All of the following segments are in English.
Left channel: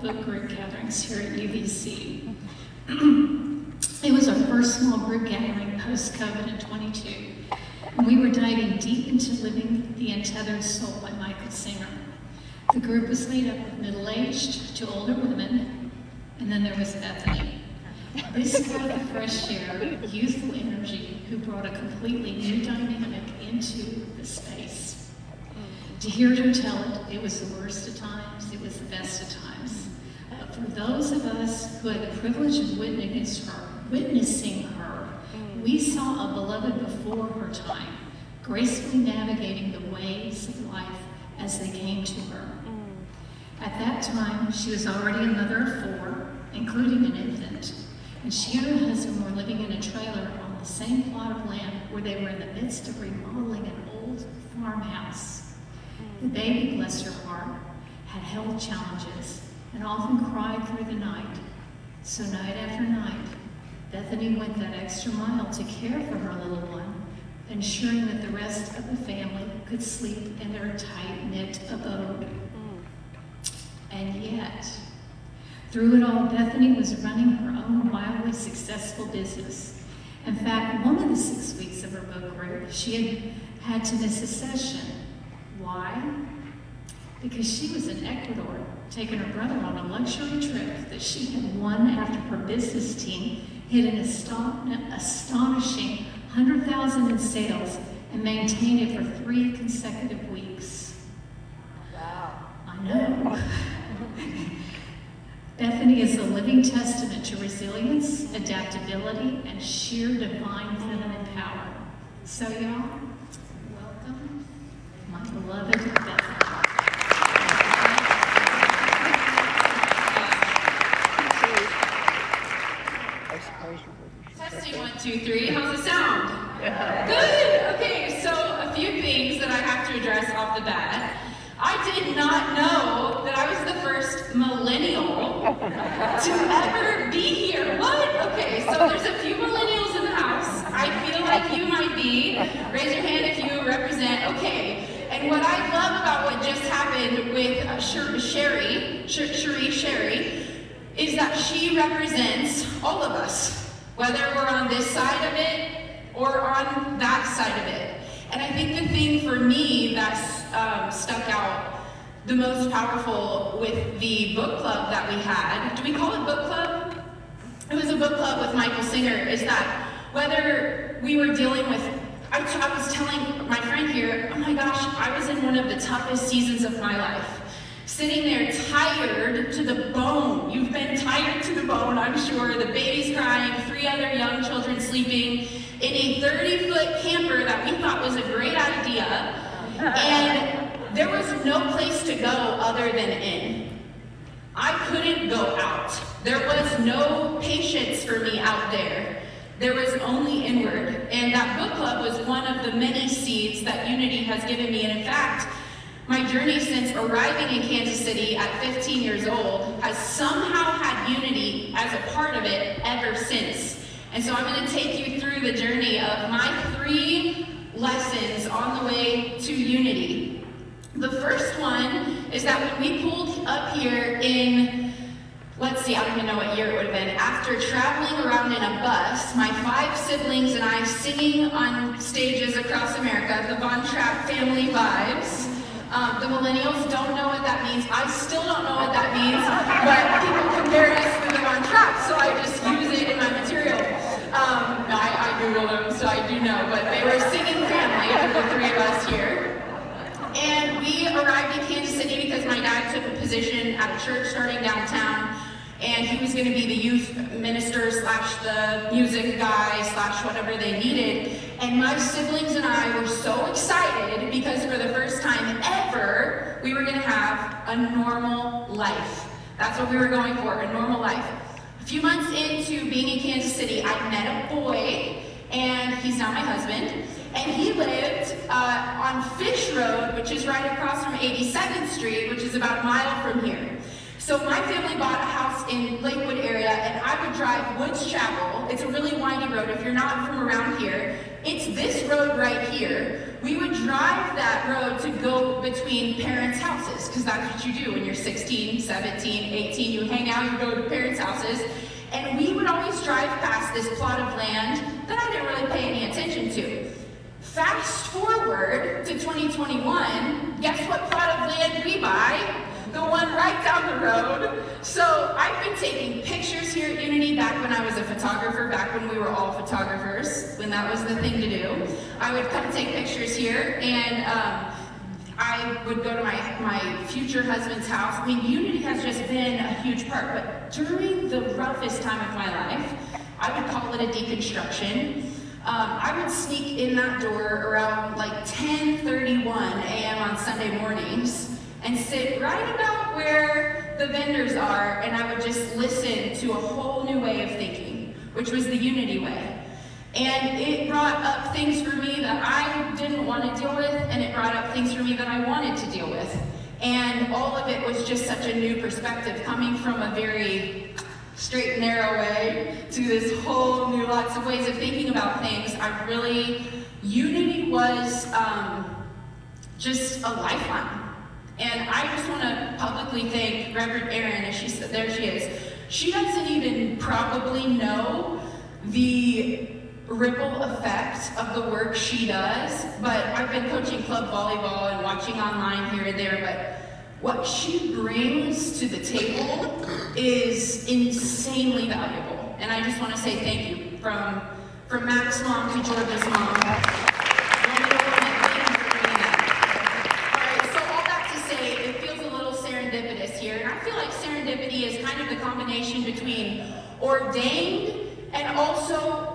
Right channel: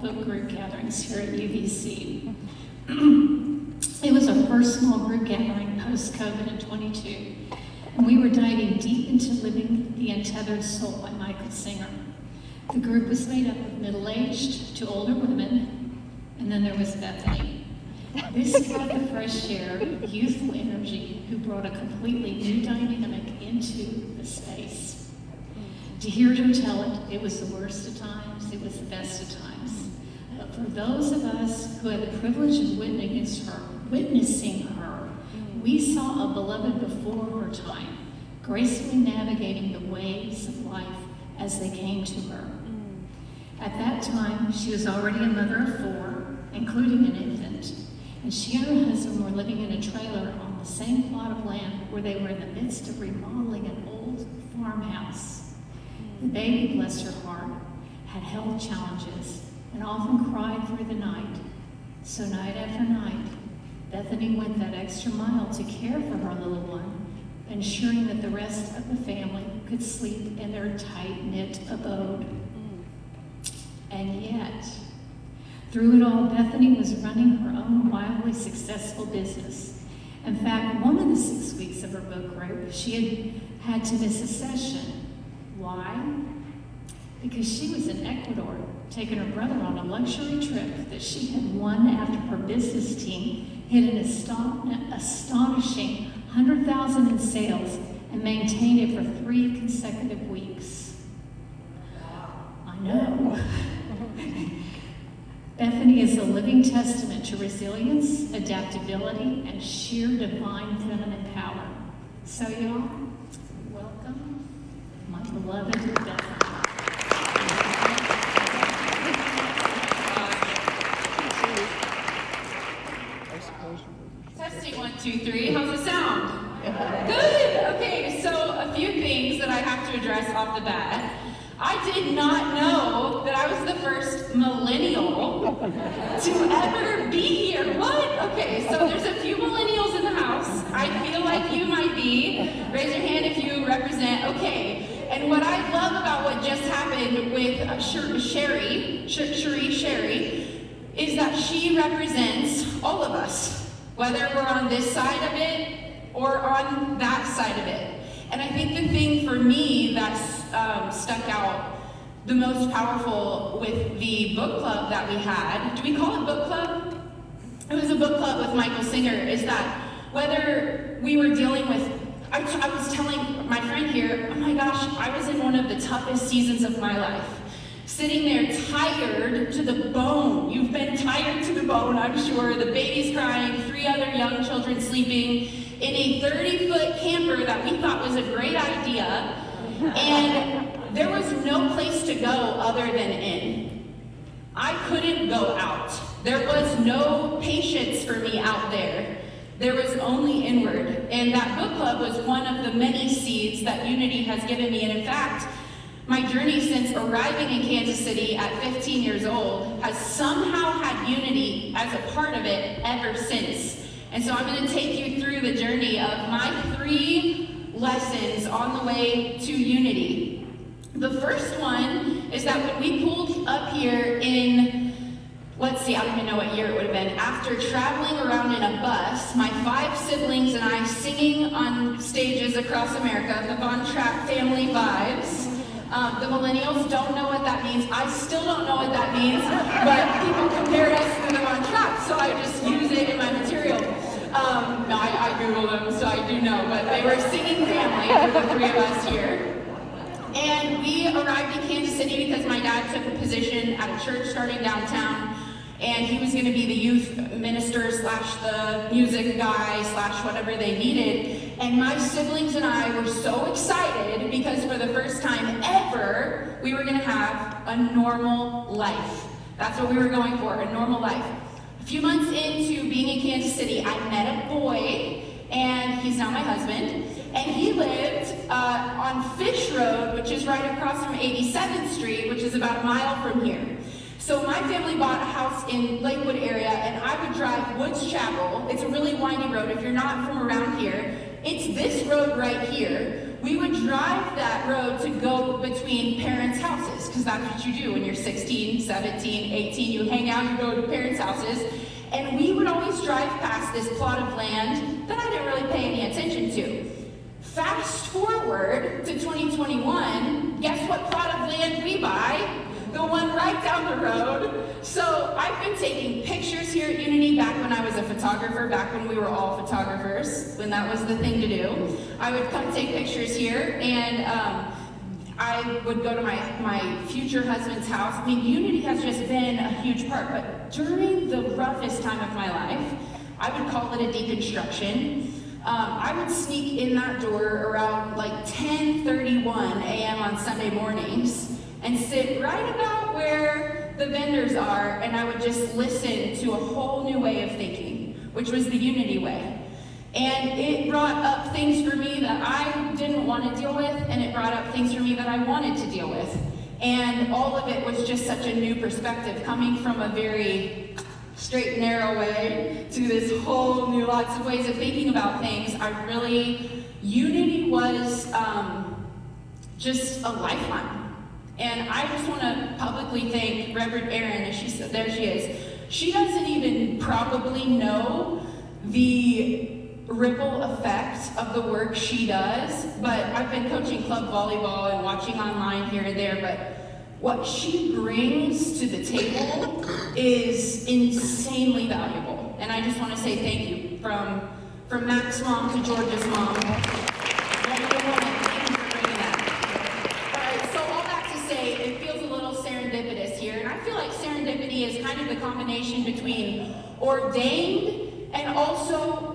book group gatherings here at UBC. It was our first small group gathering post-COVID in 22, and we were diving deep into Living the Untethered Soul by Michael Singer. The group was made up of middle-aged to older women, and then there was Bethany. This breath of fresh air, youthful energy, who brought a completely new dynamic into the space. To hear her tell it, it was the worst of times, it was the best of times. But for those of us who had the privilege of witnessing her, we saw a beloved before her time, gracefully navigating the waves of life as they came to her. At that time, she was already a mother of 4, including an infant, and she and her husband were living in a trailer on the same plot of land where they were in the midst of remodeling an old farmhouse. The baby, bless her heart, had health challenges and often cried through the night. So night after night, Bethany went that extra mile to care for her little one, ensuring that the rest of the family could sleep in their tight-knit abode. And yet, through it all, Bethany was running her own wildly successful business. In fact, one of the 6 weeks of her book group, she had to miss a session. Why? Because she was in Ecuador, taking her brother on a luxury trip that she had won after her business team hit an astonishing $100,000 in sales and maintained it for 3 consecutive weeks. Wow. I know. Bethany is a living testament to resilience, adaptability, and sheer divine feminine power. So y'all, welcome, my beloved Bethany. Testing 1, 2, 3. How's it sound? Good. Okay. So a few things that I have to address off the bat. I did not know that I was the first millennial to ever be here. What? Okay, so there's a few millennials in the house. I feel like you might be. Raise your hand if you represent. Okay. And what I love about what just happened with Sherry, is that she represents all of us, whether we're on this side of it or on that side of it. And I think the thing for me that stuck out the most powerful with the book club that we had, do we call it book club? It was a book club with Michael Singer, is that whether we were dealing with, I was telling my friend here, oh my gosh, I was in one of the toughest seasons of my life. Sitting there tired to the bone. You've been tired to the bone, I'm sure. The baby's crying, 3 other young children sleeping in a 30-foot camper that we thought was a great idea. And there was no place to go other than in. I couldn't go out. There was no patience for me out there. There was only inward. And that book club was one of the many seeds that Unity has given me. And in fact, my journey since arriving in Kansas City at 15 years old has somehow had Unity as a part of it ever since. And so I'm going to take you through the journey of my 3 lessons on the way to Unity. The first one is that when we pulled up here in, let's see, I don't even know what year it would have been, after traveling around in a bus, my 5 siblings and I singing on stages across America, the Von Trapp family vibes. The millennials don't know what that means. I still don't know what that means, but people compared us to the Von Trapp, so I just use it in my material. I Googled them, so I do know, but they were a singing family for the 3 of us here. And we arrived in Kansas City because my dad took a position at a church starting downtown, and he was going to be the youth minister / the music guy / whatever they needed. And my siblings and I were so excited because for the first time ever, we were going to have a normal life. That's what we were going for, a normal life. A few months into being in Kansas City, I met a boy, and he's now my husband, and he lived on Fish Road, which is right across from 82nd Street, which is about a mile from here. So my family bought a house in Lakewood area, and I would drive Woods Chapel. It's a really windy road. If you're not from around here, it's this road right here, we would drive that road to go between parents' houses, because that's what you do when you're 16, 17, 18, you hang out, you go to parents' houses, and we would always drive past this plot of land that I didn't really pay any attention to. Fast forward to 2021, guess what plot of land we buy? The one right down the road. So I've been taking pictures here at Unity back when I was a photographer, back when we were all photographers, when that was the thing to do. I would come take pictures here, and I would go to my future husband's house. I mean, Unity has just been a huge part, but during the roughest time of my life, I would call it a deconstruction. I would sneak in that door around like 10:31 a.m. on Sunday mornings and sit right about where the vendors are, and I would just listen to a whole new way of thinking, which was the Unity way. And it brought up things for me that I didn't want to deal with, and it brought up things for me that I wanted to deal with. And all of it was just such a new perspective, coming from a very straight and narrow way to this whole new lots of ways of thinking about things. Unity was just a lifeline. And I just want to publicly thank Reverend Erin, as she said, there she is. She doesn't even probably know the ripple effect of the work she does, but I've been coaching club volleyball and watching online here and there, but what she brings to the table is insanely valuable. And I just want to say thank you from Mac's mom to Georgia's mom. It feels a little serendipitous here, and I feel like serendipity is kind of the combination between ordained and also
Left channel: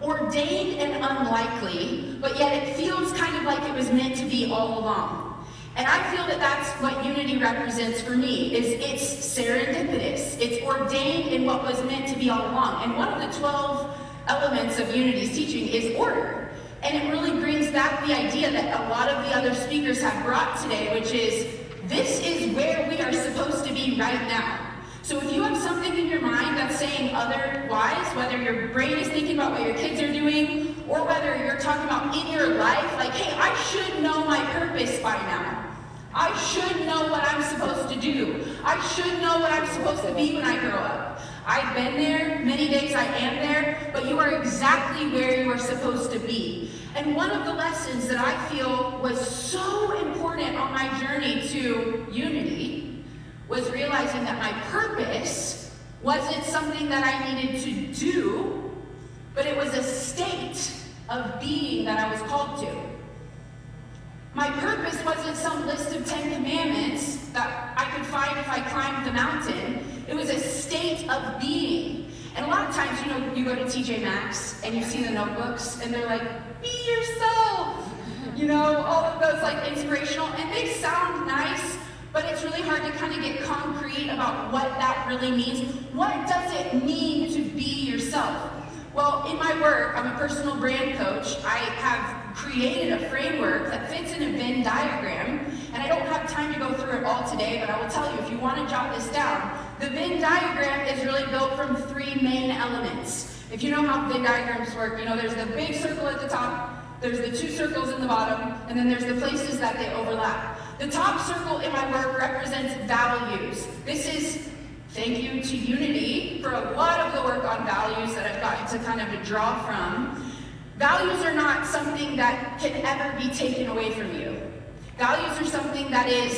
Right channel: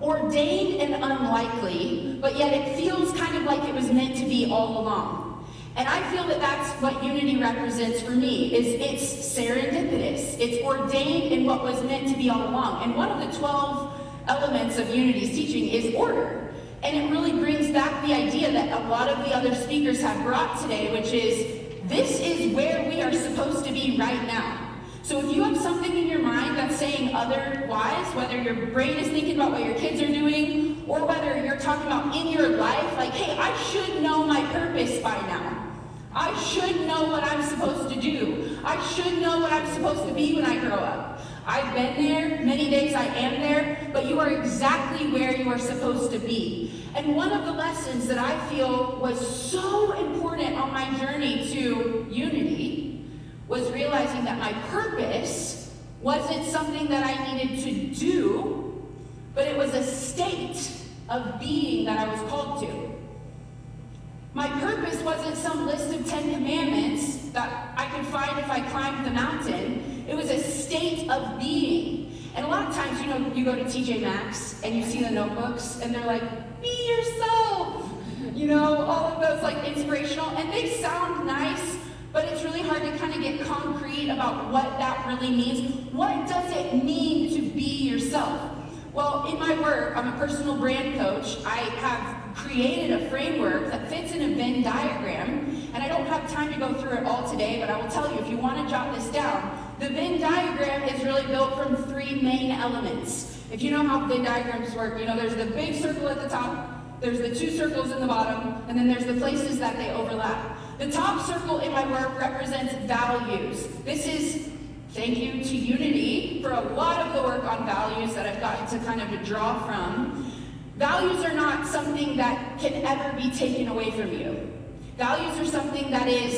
ordained and unlikely, but yet it feels kind of like it was meant to be all along. And I feel that that's what Unity represents for me, is it's serendipitous. It's ordained in what was meant to be all along. And one of the 12 elements of Unity's teaching is order. And it really brings back the idea that a lot of the other speakers have brought today, which is, this is where we are supposed to be right now. So if you have something in your mind that's saying otherwise, whether your brain is thinking about what your kids are doing, or whether you're talking about in your life, like, hey, I should know my purpose by now. I should know what I'm supposed to do. I should know what I'm supposed to be when I grow up. I've been there, many days I am there, but you are exactly where you are supposed to be. And one of the lessons that I feel was so important on my journey to Unity was realizing that my purpose wasn't something that I needed to do, but it was a state of being that I was called to. My purpose wasn't some list of 10 commandments that I could find if I climbed the mountain. It was a state of being. And a lot of times, you go to TJ Maxx and you see the notebooks and they're like, be yourself. All of those like inspirational, and they sound nice, but it's really hard to kind of get concrete about what that really means. What does it mean to be yourself? Well, in my work, I'm a personal brand coach. I have created a framework that fits in a Venn diagram, and I don't have time to go through it all today, but I will tell you, if you want to jot this down, the Venn diagram is really built from 3 main elements. If you know how Venn diagrams work, there's the big circle at the top, there's the 2 circles in the bottom, and then there's the places that they overlap. The top circle in my work represents values. This is thank you to Unity for a lot of the work on values that I've gotten to kind of draw from. Values are not something that can ever be taken away from you. Values are something that is,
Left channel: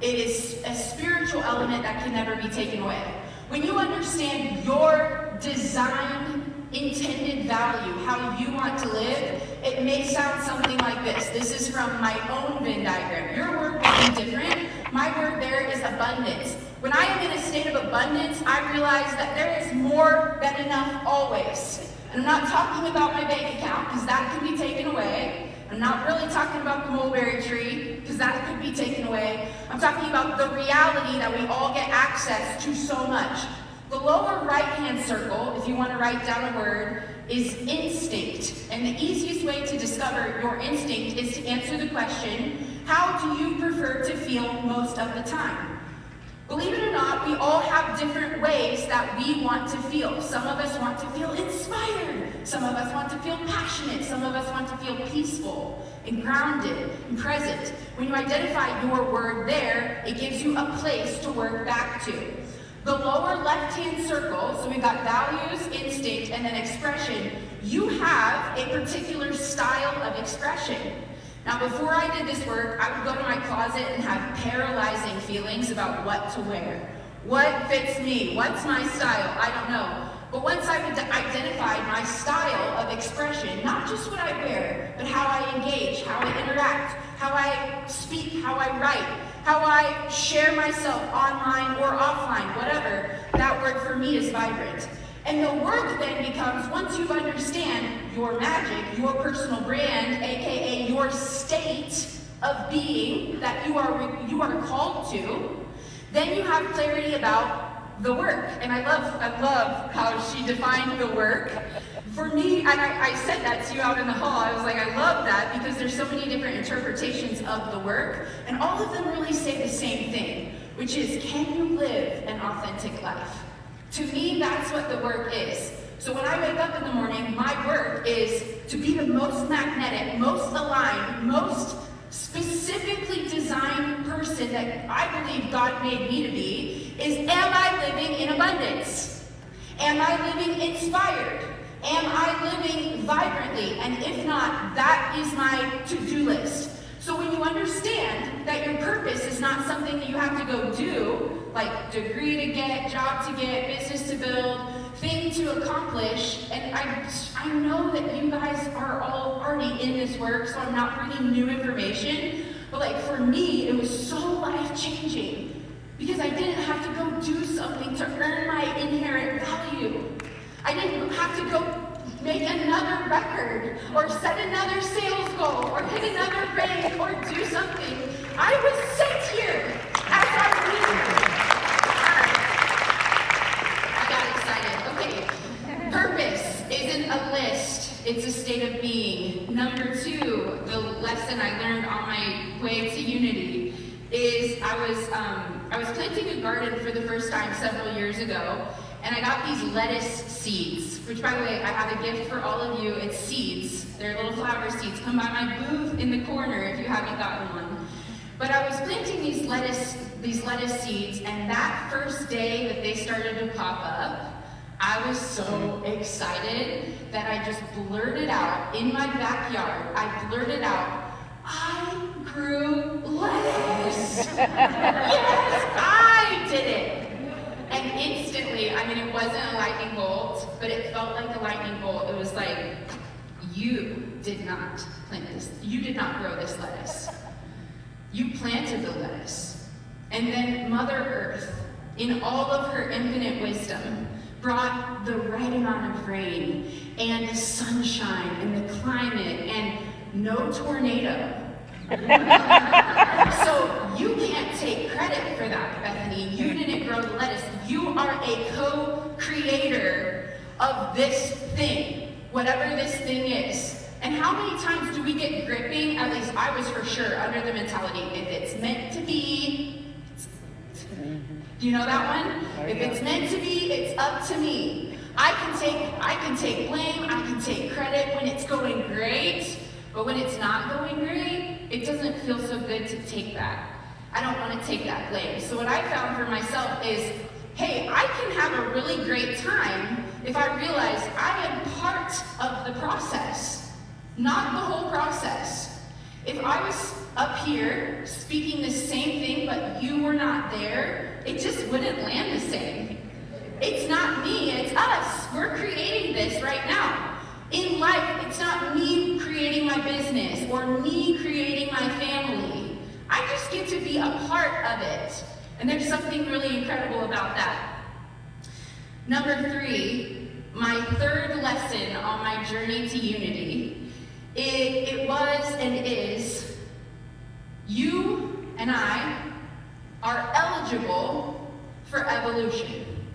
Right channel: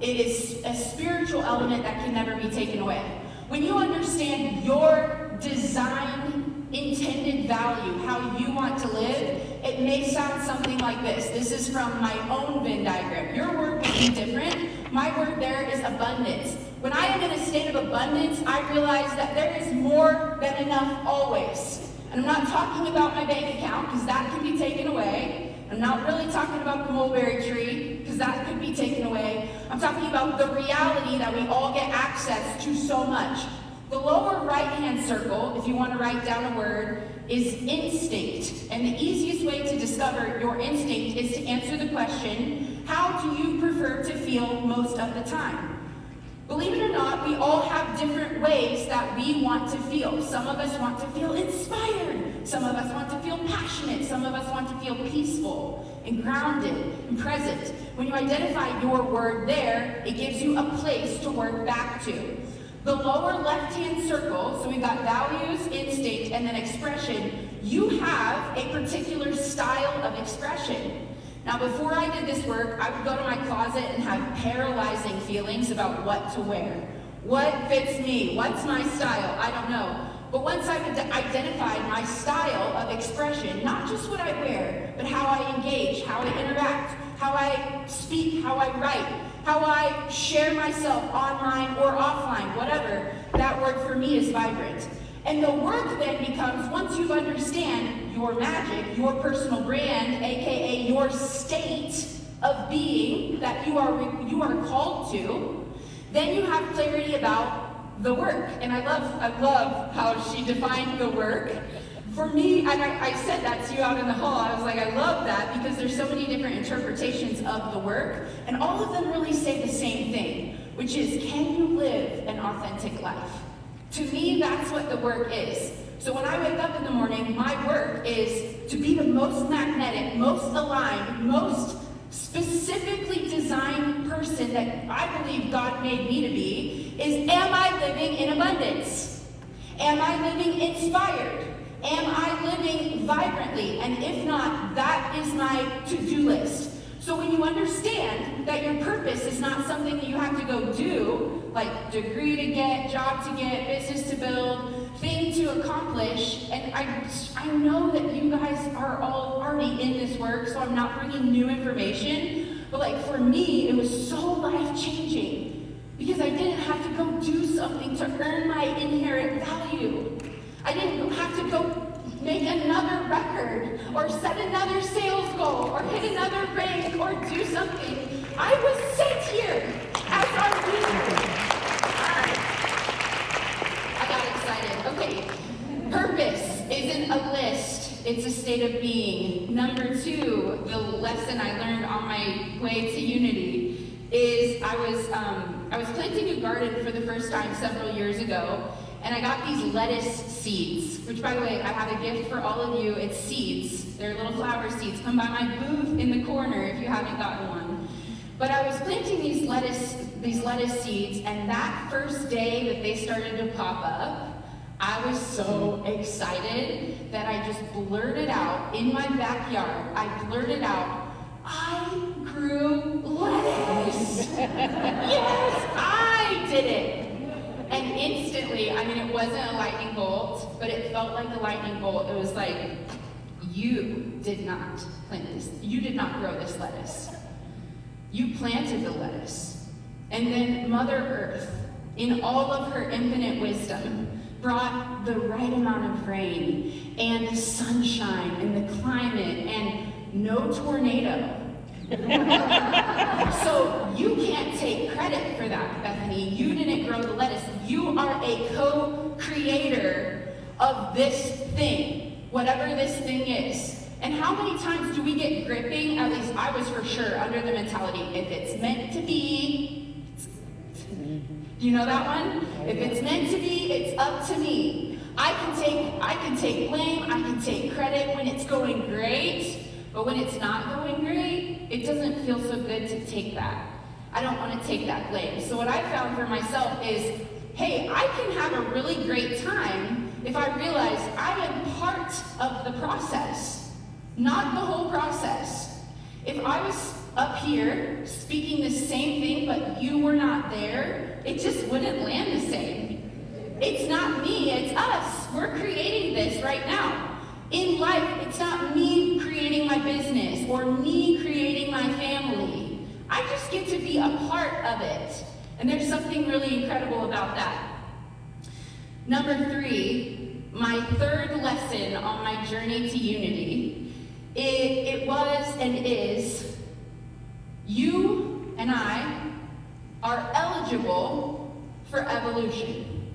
it is a spiritual element that can never be taken away. When you understand your design intended value, how you want to live, it may sound something like this. This is from my own Venn diagram. Your word would be different. My word there is abundance. When I am in a state of abundance, I realize that there is more than enough always. And I'm not talking about my bank account, because that can be taken away. I'm not really talking about the mulberry tree, because that could be taken away. I'm talking about the reality that we all get access to so much. The lower right-hand circle, if you want to write down a word, is instinct. And the easiest way to discover your instinct is to answer the question, how do you prefer to feel most of the time? Believe it or not, we we all have different ways that we want to feel. Some of us want to feel inspired. Some of us want to feel passionate. Some of us want to feel peaceful and grounded and present. When you identify your word there, it gives you a place to work back to. The lower left-hand circle, so we've got values, instinct, and then expression. You have a particular style of expression. Now, before I did this work, I would go to my closet and have paralyzing feelings about what to wear. What fits me? What's my style? I don't know. But once I've identified my style of expression, not just what I wear, but how I engage, how I interact, how I speak, how I write, how I share myself online or offline, whatever, that word for me is vibrant. And the work then becomes, once you understand your magic, your personal brand, aka your state of being that you are called to, then you have clarity about the work. And I love how she defined the work. For me, and I said that to you out in the hall, I was like, I love that because there's so many different interpretations of the work, and all of them really say the same thing, which is, can you live an authentic life? To me, that's what the work is. So when I wake up in the morning, my work is to be the most magnetic, most aligned, most specifically designed person that I believe God made me to be, is, am I living in abundance? Am I living inspired? Am I living vibrantly? And if not, that is my to-do list. So when you understand that your purpose is not something that you have to go do, like degree to get, job to get, business to build, thing to accomplish, and I know that you guys are all already in this work, so I'm not bringing new information, but like for me, it was so life-changing because I didn't have to go do something to earn my inherent value. I didn't have to go make another record or set another sales goal or hit another rank or do something. I was sent here as our leader. I got excited. Okay. Purpose isn't a list. It's a state of being. Number 2, the lesson I learned on my way to Unity is I was planting a garden for the first time several years ago. And I got these lettuce seeds, which by the way, I have a gift for all of you. It's seeds. They're little flower seeds. Come by my booth in the corner if you haven't gotten one. But I was planting these lettuce seeds, and that first day that they started to pop up, I was so excited that I just blurted out in my backyard. I blurted out, I grew lettuce. Yes, I did it. And instantly, I mean, it wasn't a lightning bolt, but it felt like a lightning bolt. It was like, you did not plant this. You did not grow this lettuce. You planted the lettuce. And then Mother Earth, in all of her infinite wisdom, brought the right amount of rain and the sunshine and the climate and no tornado. So you can't take credit for that, Bethany. You didn't grow the lettuce. You are a co-creator of this thing, whatever this thing is. And how many times do we get gripping, at least I was for sure, under the mentality, if it's meant to be, do you know that one? If it's meant to be, it's up to me. I can take blame, I can take credit when it's going great, but when it's not going great, it doesn't feel so good to take that. I don't want to take that blame. So what I found for myself is, hey, I can have a really great time if I realize I am part of the process, not the whole process. If I was up here speaking the same thing, but you were not there, it just wouldn't land the same. It's not me, it's us. We're creating this right now. In life, it's not me creating my business or me creating my family. I just get to be a part of it. And there's something really incredible about that. Number 3, my third lesson on my journey to Unity, it was and is, you and I are eligible for evolution.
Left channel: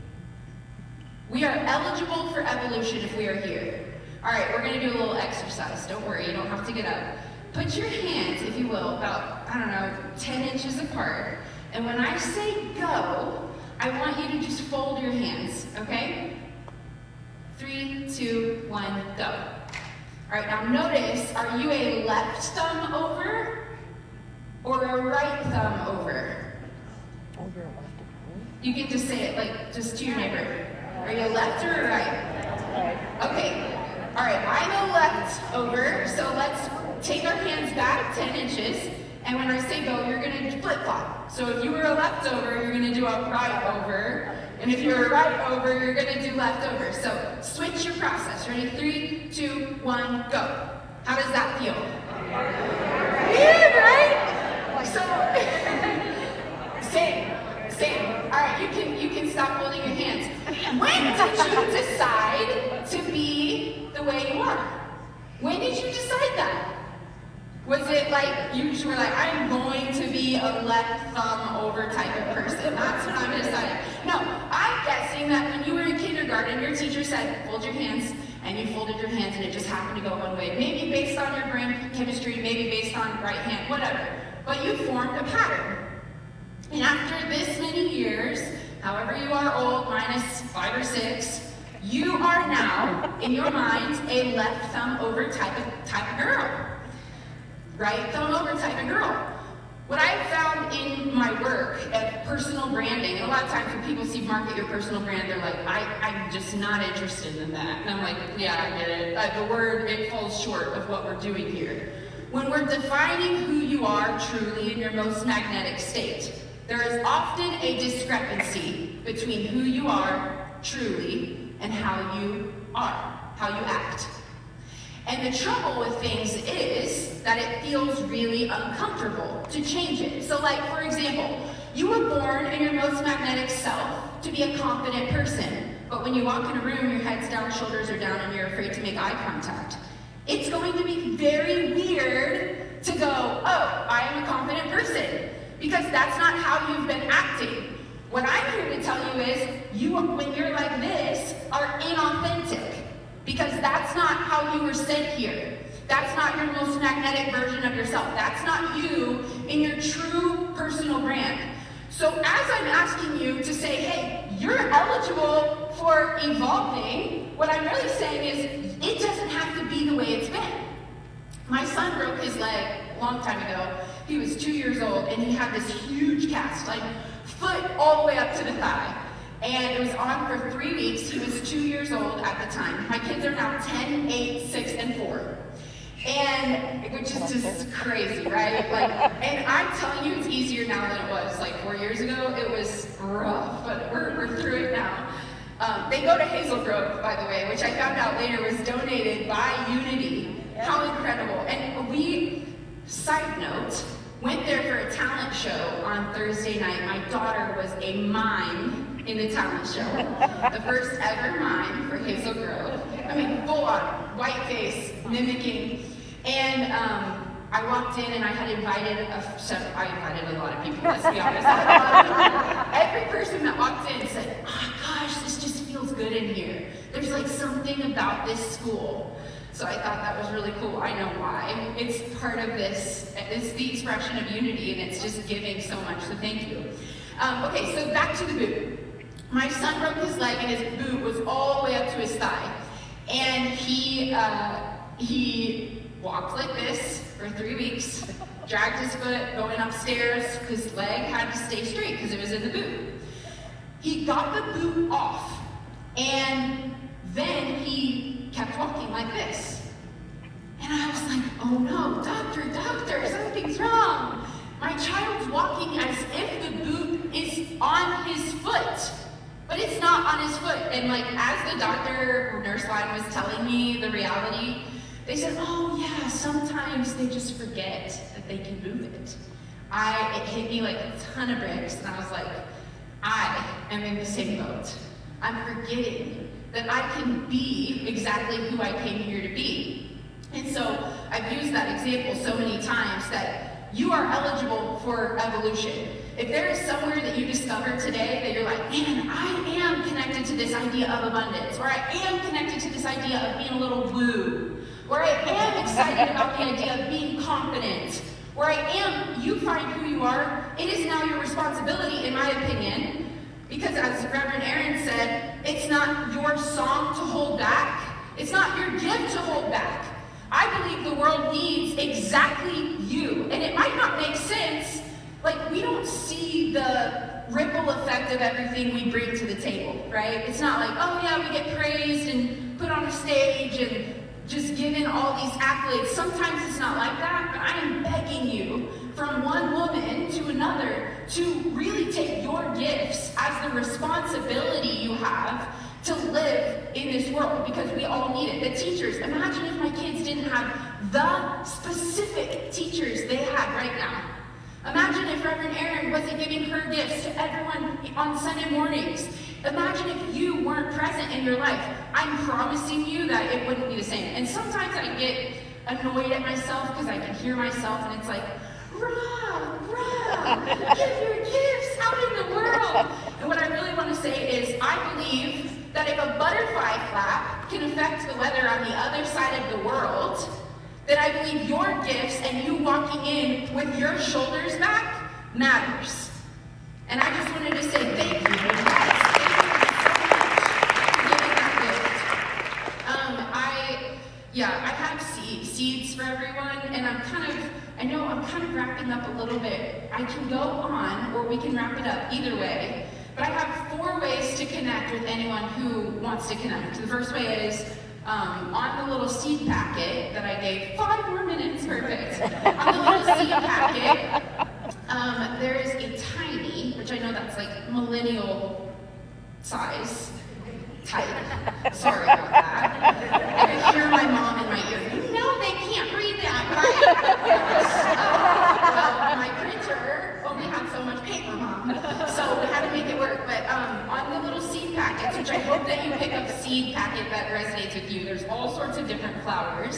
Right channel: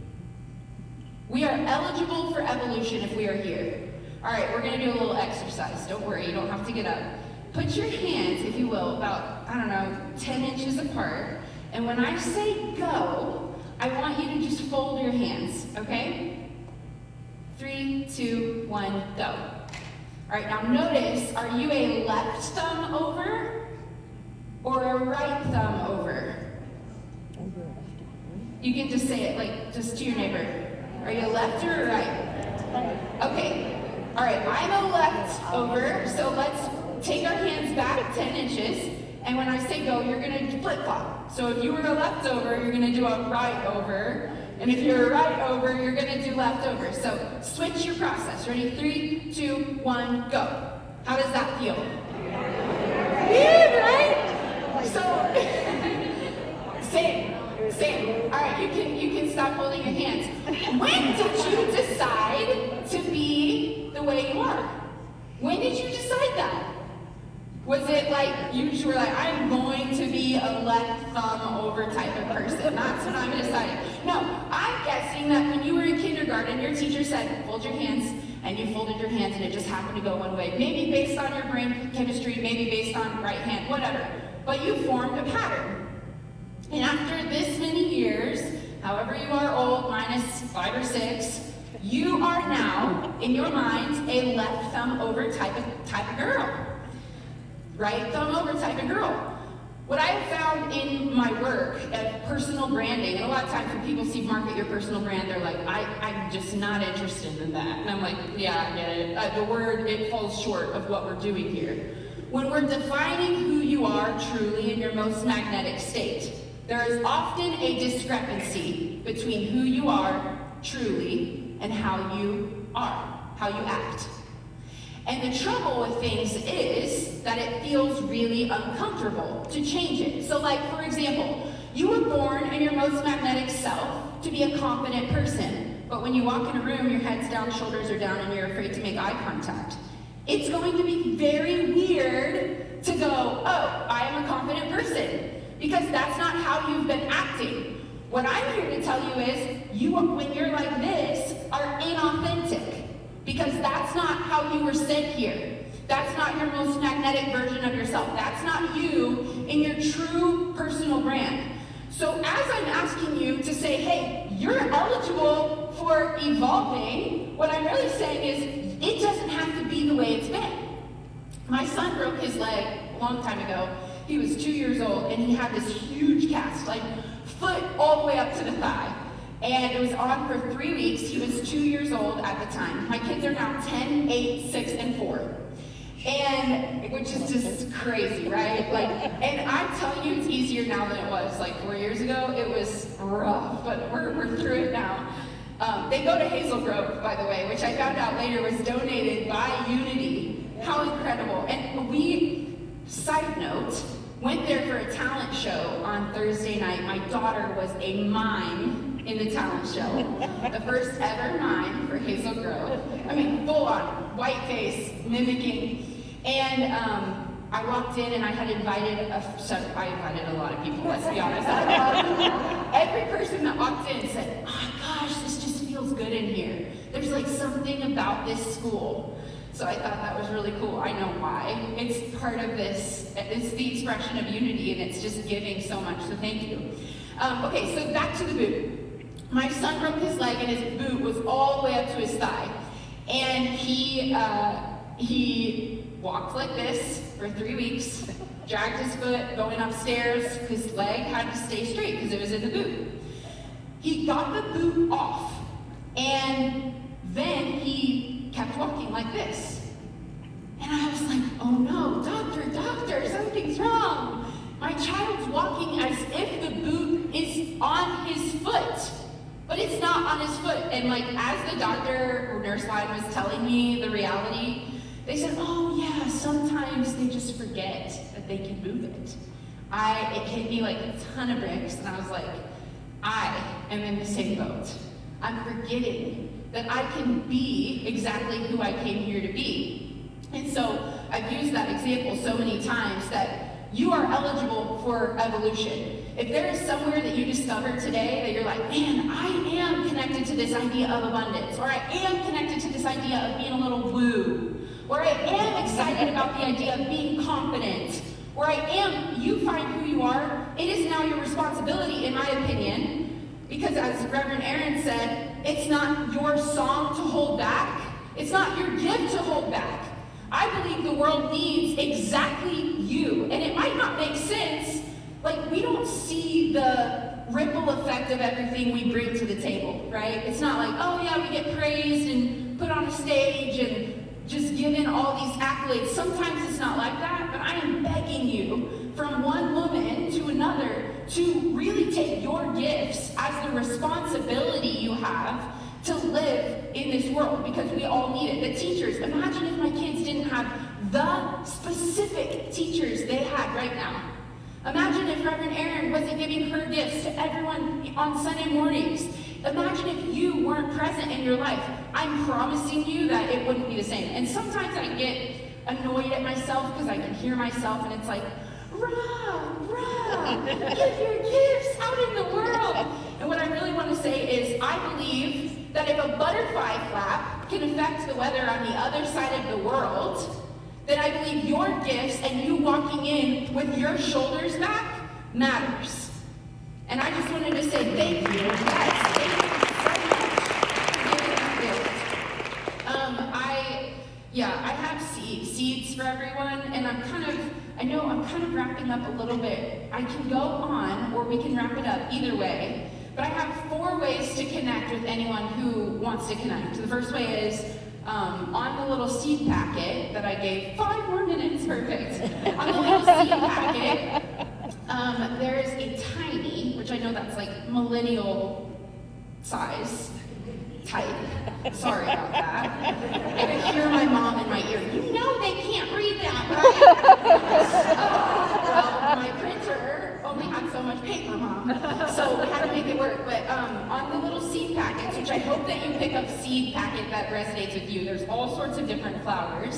We are eligible for evolution if we are here. All right, we're gonna do a little exercise. Don't worry, you don't have to get up. Put your hands, if you will, about, 10 inches apart. And when I say go, I want 3, 2, 1, go. All right, now notice, are you a left thumb over or a right thumb over? You can just say it like just to your neighbor. Are you a left or a right? Okay. All right, I'm a left over, so let's take our hands back 10 inches, and when I say go, you're going to flip-flop. So if you were a left over, you're going to do a right over, and if you're a right over, you're going to do left over. So switch your process. Ready? 3, 2, 1, go. How does that feel? Weird, right? So, same. All right, you can stop holding your hands. When did you decide to be the way you are? When did you decide that? Was it like you were like, I'm going to be a left thumb over type of person? That's what I'm deciding. No, I'm guessing that when you were in kindergarten, your teacher said, fold your hands, and you folded your hands, and it just happened to go one way. Maybe based on your brain chemistry, maybe based on right hand, whatever. But you formed a pattern. And after this many years, however you are old, minus 5 or 6, you are now, in your mind, a left thumb over type of girl. Right thumb over type of girl. What I have found in my work at personal branding, and a lot of times when people see market your personal brand, they're like, I'm just not interested in that. And I'm like, yeah, I get it. The word, it falls short of what we're doing here. When we're defining who you are truly in your most magnetic state, there is often a discrepancy between who you are truly and how you are, how you act. And the trouble with things is that it feels really uncomfortable to change it. So like, for example, you were born in your most magnetic self to be a confident person. But when you walk in a room, your head's down, shoulders are down, and you're afraid to make eye contact. It's going to be very weird to go, oh, I am a confident person. Because that's not how you've been acting. What I'm here to tell you is, when you're like this, are inauthentic. Because that's not how you were sent here. That's not your most magnetic version of yourself. That's not you in your true personal brand. So as I'm asking you to say, hey, you're eligible for evolving, what I'm really saying is, it doesn't have to be the way it's been. My son broke his leg a long time ago. He was 2 years old, and he had this huge cast, like foot all the way up to the thigh. And it was on for 3 weeks. He was 2 years old at the time. My kids are now 10, 8, 6, and 4. And, which is just crazy, right? And I'm telling you, it's easier now than it was like 4 years ago. It was rough, but we're through it now. They go to Hazel Grove, by the way, which I found out later was donated by Unity. How incredible. And we, side note, went there for a talent show on Thursday night. My daughter was a mime in the talent show. The first ever mime for Hazel Grove. I mean, full on, white face, mimicking. And I walked in and I had invited I invited a lot of people, let's be honest. Every person that walked in said, oh gosh, this just feels good in here. There's like something about this school. So I thought that was really cool. I know why. It's part of this. It's the expression of unity, and it's just giving so much, so thank you. Okay, so back to the boot. My son broke his leg, and his boot was all the way up to his thigh. And he walked like this for 3 weeks, dragged his foot going upstairs. His leg had to stay straight because it was in the boot. He got the boot off, and then he kept walking like this. And I was like, oh no, doctor, something's wrong. My child's walking as if the boot is on his foot, but it's not on his foot. And like, as the doctor or nurse line was telling me the reality, they said, oh yeah, sometimes they just forget that they can move it. It hit me like a ton of bricks, and I was like, I am in the same boat. I'm forgetting that I can be exactly who I came here to be. And so I've used that example so many times that you are eligible for evolution. If there is somewhere that you discover today that you're like, man, I am connected to this idea of abundance, or I am connected to this idea of being a little woo, or I am excited about the idea of being confident, or you find who you are, it is now your responsibility, in my opinion, Because as Reverend Aaron said, it's not your song to hold back. It's not your gift to hold back. I believe the world needs exactly you. And it might not make sense, like we don't see the ripple effect of everything we bring to the table, right? It's not like, oh yeah, we get praised and put on a stage and just given all these accolades. Sometimes it's not like that, but I am begging you from one woman to another to really take your gifts as the responsibility you have to live in this world, because we all need it. The teachers, imagine if my kids didn't have the specific teachers they have right now. Imagine if Reverend Aaron wasn't giving her gifts to everyone on Sunday mornings. Imagine if you weren't present in your life. I'm promising you that it wouldn't be the same. And sometimes I get annoyed at myself because I can hear myself and it's like, rah, give your gifts out in the world. And what I really want to say is, I believe that if a butterfly flap can affect the weather on the other side of the world, then I believe your gifts and you walking in with your shoulders back matters. And I just wanted to say thank you. Yes, thank you so much for giving that gift. I have seeds for everyone, and I know I'm kind of wrapping up a little bit. I can go on, or we can wrap it up, either way. But I have 4 ways to connect with anyone who wants to connect. The first way is, on the little seed packet that I gave, 5 more minutes, perfect. On the little seed packet, there is a tiny, which I know that's like millennial size, type. Sorry about that. I can hear my mom in my ear. You know they can't read that, right? Well, my printer only had so much paper, Mom. So we had to make it work. But on the little seed packets, which I hope that you pick up a seed packet that resonates with you, there's all sorts of different flowers,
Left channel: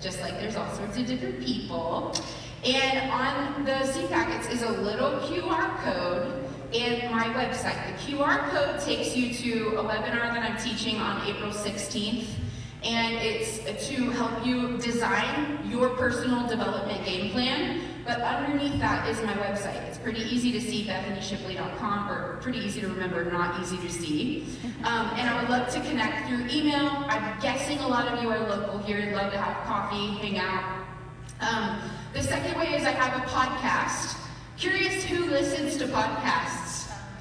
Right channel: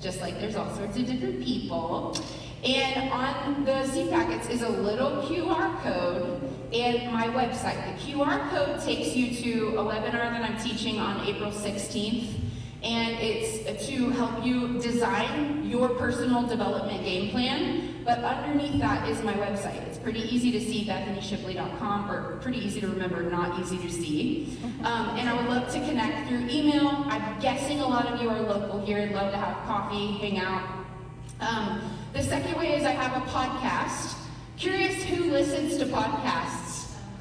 just like there's all sorts of different people. And on the seed packets is a little QR code and my website. The QR code takes you to a webinar that I'm teaching on April 16th. And it's to help you design your personal development game plan. But underneath that is my website. It's pretty easy to see, BethanyShipley.com, or pretty easy to remember, not easy to see. And I would love to connect through email. I'm guessing a lot of you are local here. I'd love to have coffee, hang out. The second way is I have a podcast. Curious who listens to podcasts?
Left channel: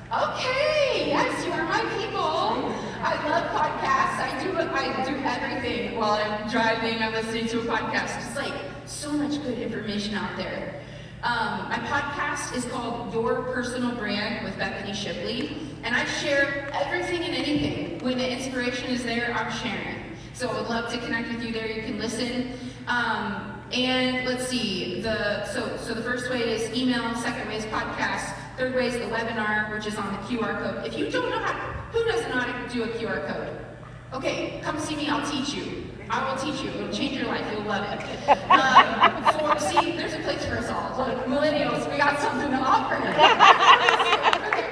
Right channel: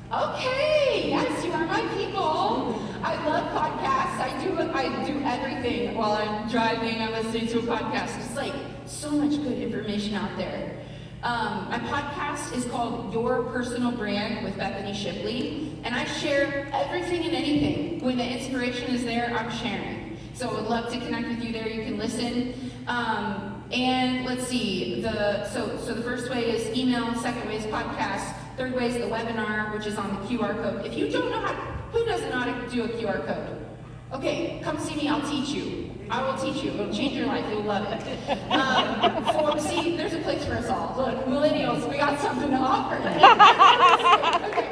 Okay, yes, you are my people. I love podcasts. I do everything while I'm driving. I'm listening to a podcast. It's like so much good information out there. My podcast is called Your Personal Brand with Bethany Shipley, and I share everything and anything. When the inspiration is there, I'm sharing. So I would love to connect with you there. You can listen. And let's see, so the first way is email, second way is podcast, third way is the webinar, which is on the QR code. If you don't know who doesn't know how to do a QR code? Okay, come see me, I'll teach you. I will teach you, it'll change your life, you'll love it. See, there's a place for us all. Look, millennials, we got something to offer. Okay.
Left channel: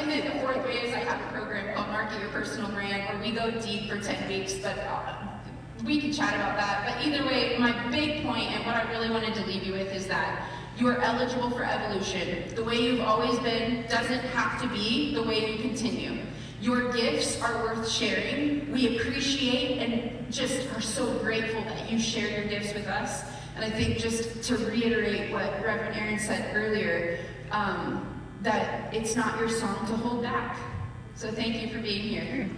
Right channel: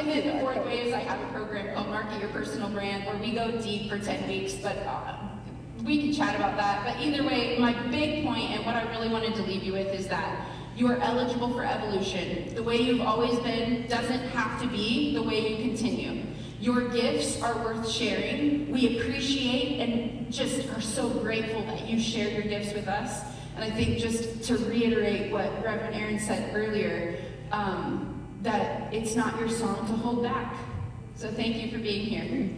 And then the fourth way is I have a program called Market Your Personal Brand, where we go deep for 10 weeks, but we can chat about that. But either way, my big point and what I really wanted to leave you with is that you are eligible for evolution. The way you've always been doesn't have to be the way you continue. Your gifts are worth sharing. We appreciate and just are so grateful that you share your gifts with us. And I think just to reiterate what Reverend Aaron said earlier, that it's not your song to hold back. So thank you for being here.